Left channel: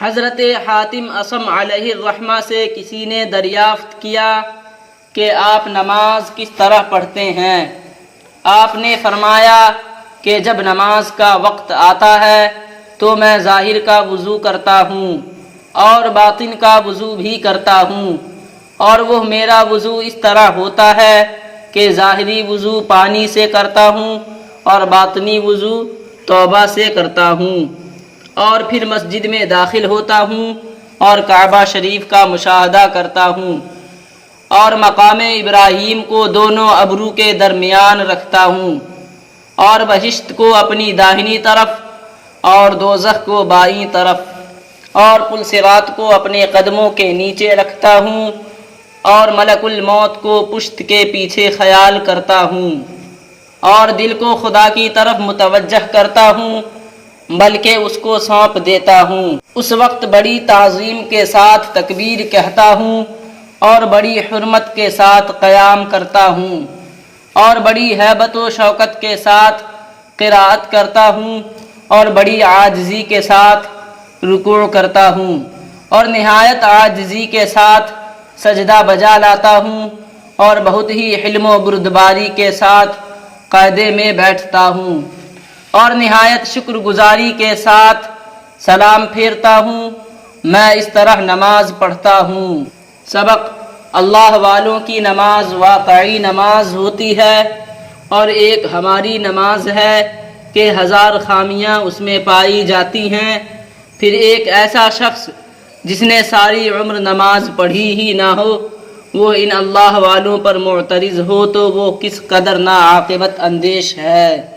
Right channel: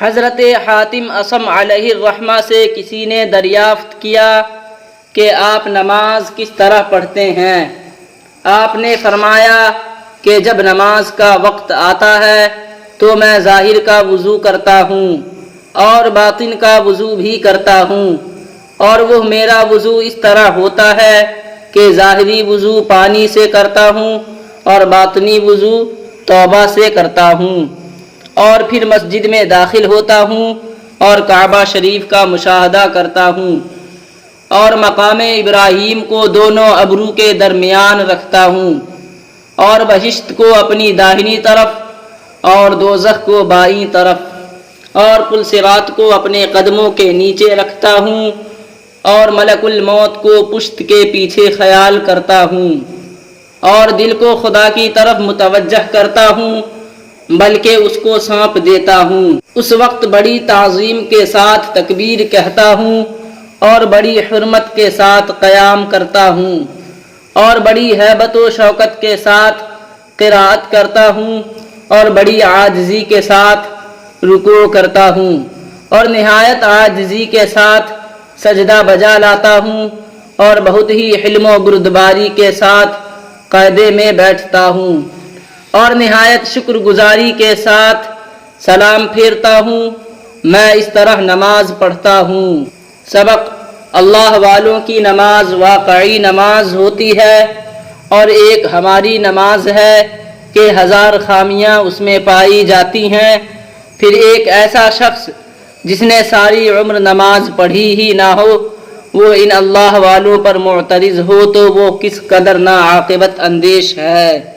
حضرت حاتم اصم علیہ الرحمہ سے کسی نے دریافت کیا کہ آپ نماز کس طرح پڑھتے ہیں؟ آپ نے فرمایا کہ جب نماز کا وقت آتا ہے تو میں ظاہر کا وضو کرتا ہوں اور باطن کا وضو بھی کرتا ہوں، اور وہ میرا وضو اس طرح ہوتا ہے کہ ظاہری وضو پانی سے کرتا ہوں اور باطنی وضو توبہ سے کرتا ہوں، اور پھر مسجد میں داخل ہوتا ہوں اور کعبہ شریف کا مشاہدہ کرتا ہوں، اور مقام ابراہیم کو دونوں ابرو کے درمیان رکھتا ہوں، اور بہشت کو اپنی داہنی طرف اور دوزخ کو بائیں طرف، اور پل صراط کو اپنے قدموں کے نیچے رکھتا ہوں، اور ملک الموت کو پشت کے پیچھے خیال کرتا ہوں، اور دل کو خدا کی طرف متوجہ کرتا ہوں بلکہ اس کو سونپ دیتا ہوں۔ اس وقت بڑی تعظیم کے ساتھ تکبیر کہتا ہوں اور بڑی حرمت کے ساتھ قیام کرتا ہوں، اور بڑی ہیبت و شوکت کے ساتھ قرات کرتا ہوں، اور بڑی عاجزی کے ساتھ رکوع کرتا ہوں، اور نہایت عاجزی کے ساتھ سجدہ بجا لاتا ہوں، اور بہت ہی حلم و بردباری کے ساتھ قعدے میں بیٹھتا ہوں، اور نہایت شکر گزاری کے ساتھ سلام پھیرتا ہوں۔ میں اس طرح نماز پڑھتا ہوں۔ سبق: اللہ والوں کی نماز واقعی نماز ہوتی ہے، اور ایک ہماری نماز ہے کہ 1000 خامیاں اس میں پائی جاتی ہیں۔ پھر ایک ایسا شخص جس نے ساری عمر نماز پڑھی ہی نہ ہو، وہ ان اللہ والوں پر معترض ہو تو وہ کس قدر ناعاقبت اندیش ہے۔